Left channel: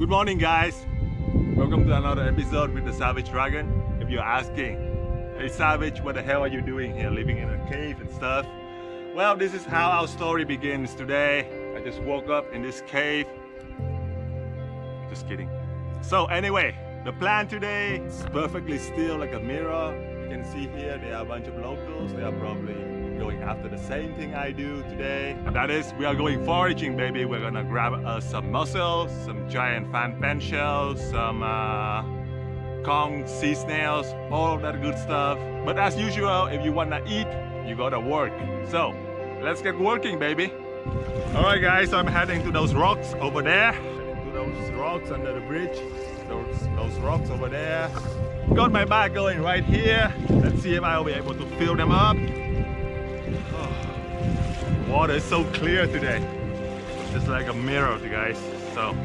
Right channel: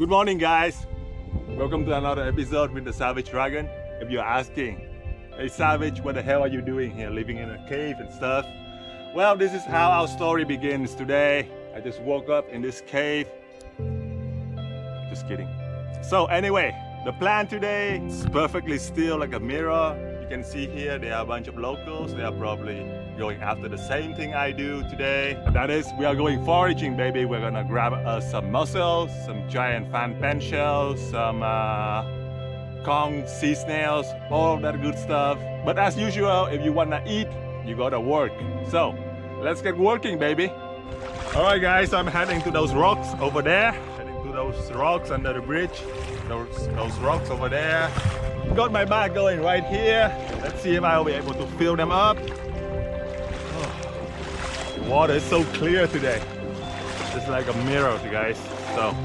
Good morning, guys. Welcome to another episode with the Savage Dragon. If you're asking, hey Savage, what the hell are you doing here, living in a cave and stuff? Well, this is how our story begins today. I just woke up in this cave. Just kidding. So anyway, the plan today is perfectly still like a mirror. You can see here there are a bunch of locals. They are probably going after the same thing I do today. And that is, we are going foraging, baby. We're gonna grab some mussels, some giant fan shells, some conch, sea snails, all that good stuff. But as usual, if you wanna eat, you gotta work. So let's get working, baby. All right, guys, so I'm heading to those rocks over there. Heading to those rocks under the bridge. Those rocks over there. Got my bag going right here. Let's see if I'll be able to fill them up. The water is so clear today. It's like a mirror, you guys. So,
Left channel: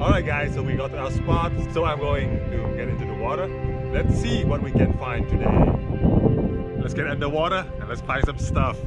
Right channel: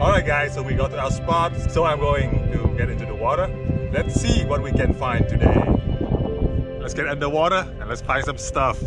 all right, guys. So we got to our spot. So I'm going to get into the water. Let's see what we can find today. Let's get underwater and let's find some stuff.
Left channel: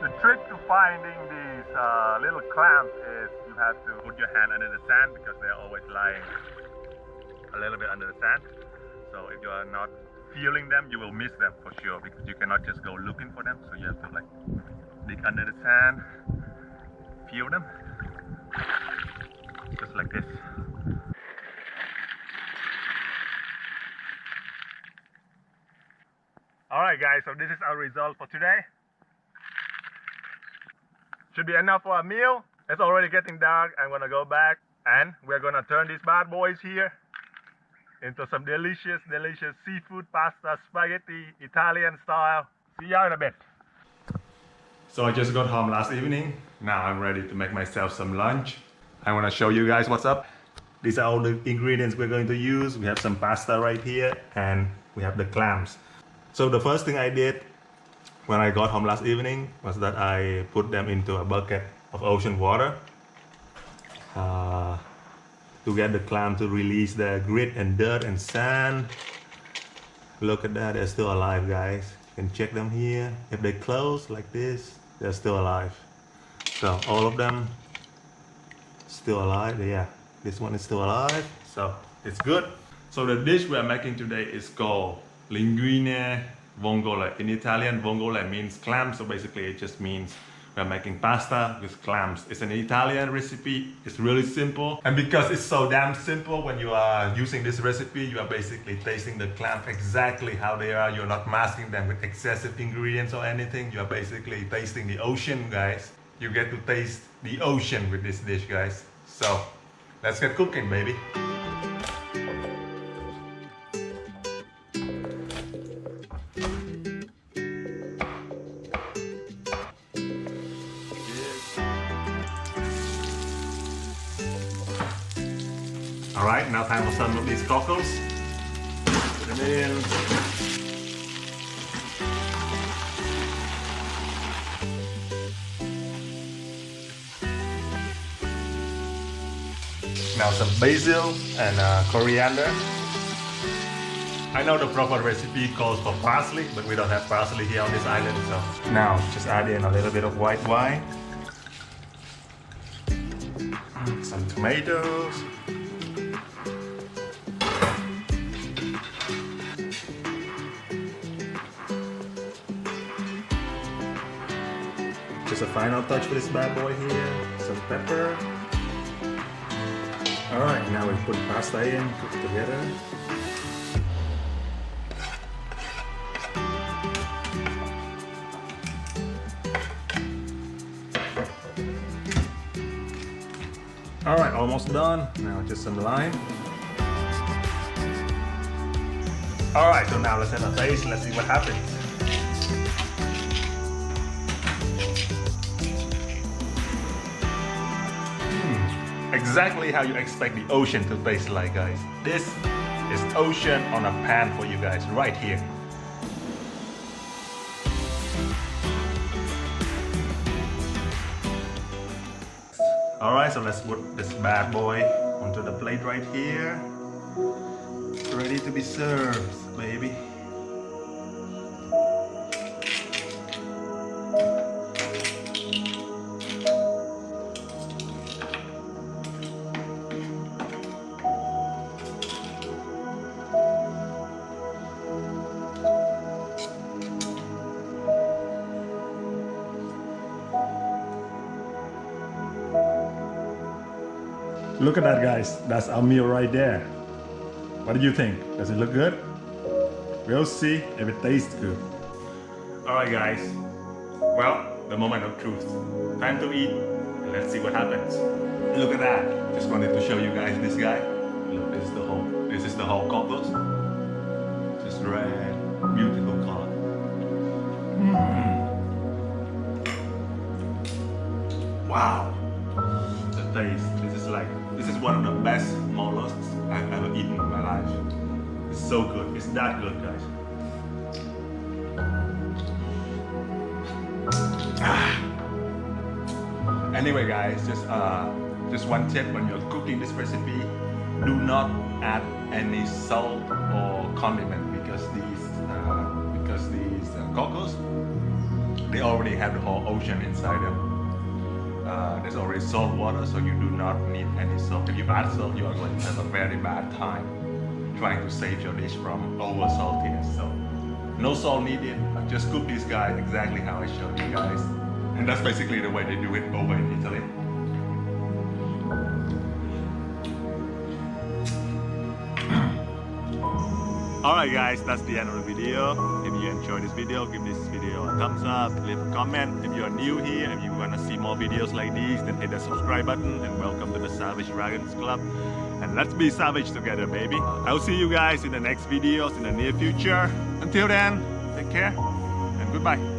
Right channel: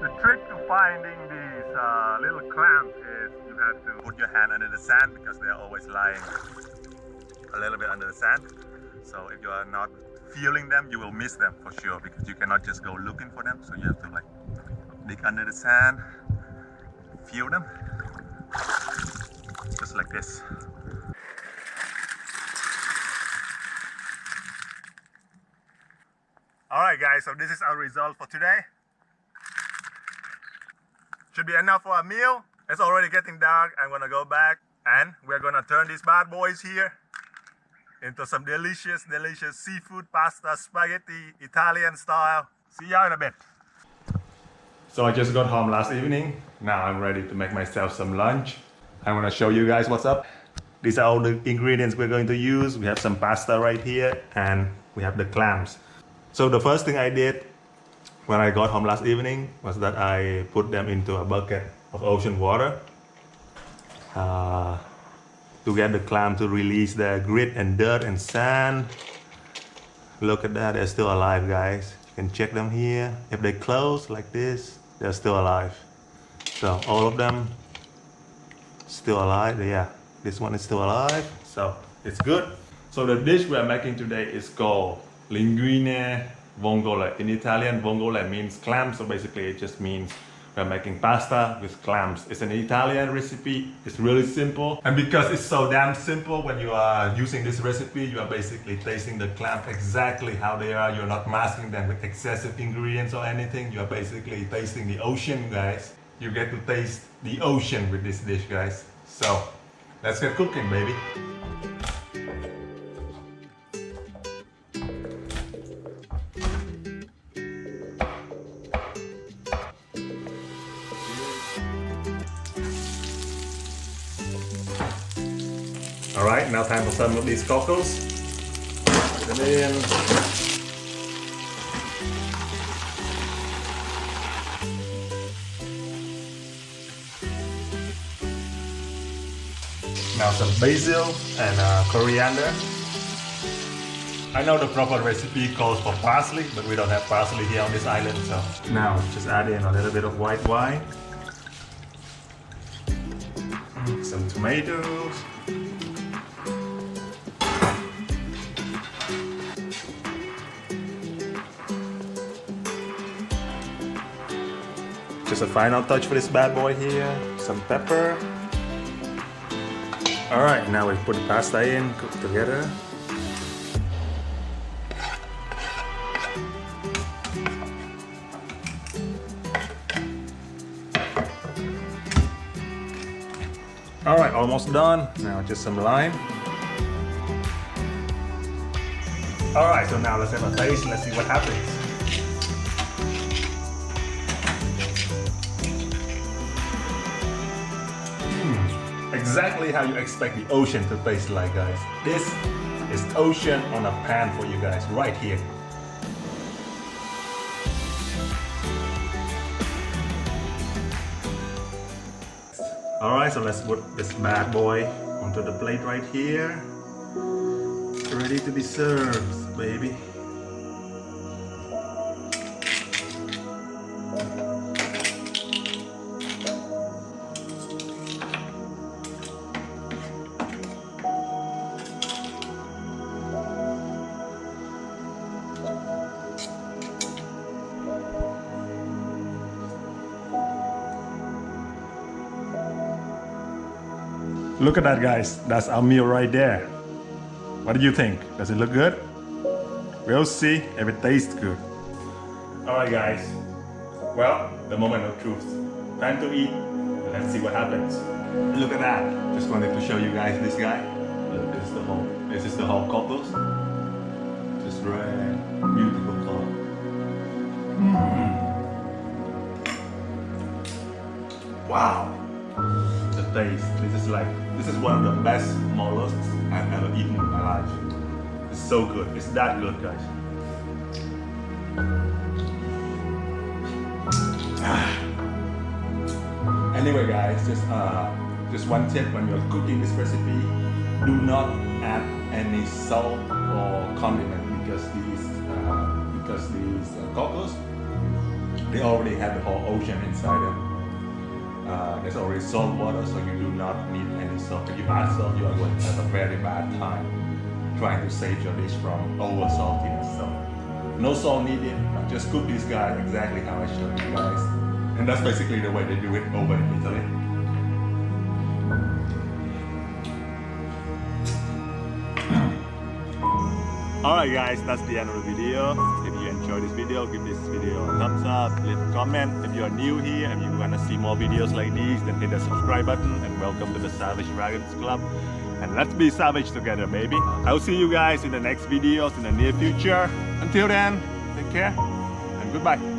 The trick to finding these little clams is you have to put your hand under the sand because they're always lying a little bit under the sand. So if you are not feeling them, you will miss them for sure because you cannot just go looking for them. So you have to like dig under the sand, feel them, just like this. Alright guys, so this is our result for today. Should be enough for a meal. It's already getting dark. I'm gonna go back and we're gonna turn these bad boys here into some delicious seafood pasta, spaghetti, Italian style. See y'all in a bit. So I just got home last evening. Now I'm ready to make myself some lunch. I wanna show you guys what's up. These are all the ingredients we're going to use. We have some pasta right here and we have the clams. So the first thing I did when I got home last evening was that I put them into a bucket of ocean water to get the clam to release the grit and dirt and sand. Look at that, they're still alive, guys. You can check them here. If they close like this, they're still alive. So all of them still alive. Yeah, this one is still alive, so it's good. So the dish we are making today is called Linguine Vongole. In Italian, vongole means clam, so basically it just means we're making pasta with clams. It's an Italian recipe. It's really simple. And because it's so damn simple, when you are using this recipe, you are basically tasting the clam exactly how they are. You're not masking them with excessive ingredients or anything. You are basically tasting the ocean, guys. You get to taste the ocean with this dish, guys. So let's get cooking, baby. Alright, now time for some of these cockles. Put them in. Now some basil and coriander. I know the proper recipe calls for parsley, but we don't have parsley here on this island, so now just add in a little bit of white wine, some tomatoes, just a final touch for this bad boy here, some pepper. Alright, now we put pasta in, cook together. Alright, almost done. Now just some lime. Alright, so now let's have a taste. Let's see what happens. Exactly how you expect the ocean to taste like, guys. This is ocean on a pan for you guys right here. Alright, so let's put this bad boy onto the plate right here. Ready to be served, baby. Look at that, guys. That's our meal right there. What do you think? Does it look good? We'll see if it tastes good. Alright, guys. Well, the moment of truth. Time to eat. Let's see what happens. Look at that. Just wanted to show you guys this guy. Look, this is the whole cockles. Just red, beautiful color. Wow. The taste. This is one of the best mollusks I've ever eaten in my life. It's so good. It's that good, guys. Anyway, guys, just one tip when you're cooking this recipe: do not add any salt or condiment because these cockles, they already have the whole ocean inside them. There's already salt water, so you do not need any salt. If you add salt, you are going to have a very bad time trying to save your dish from over saltiness. So no salt needed. Just cook this guy exactly how I showed you guys, and that's basically the way they do it over in Italy. Alright guys, that's the end of the video. If you enjoyed this video, give this video a thumbs up, leave a comment. If you are new here, if you want to see more videos like these, then hit the subscribe button and welcome to the Savage Dragons Club. And let's be savage together, baby. I'll see you guys in the next videos in the near future. Until then, take care and goodbye.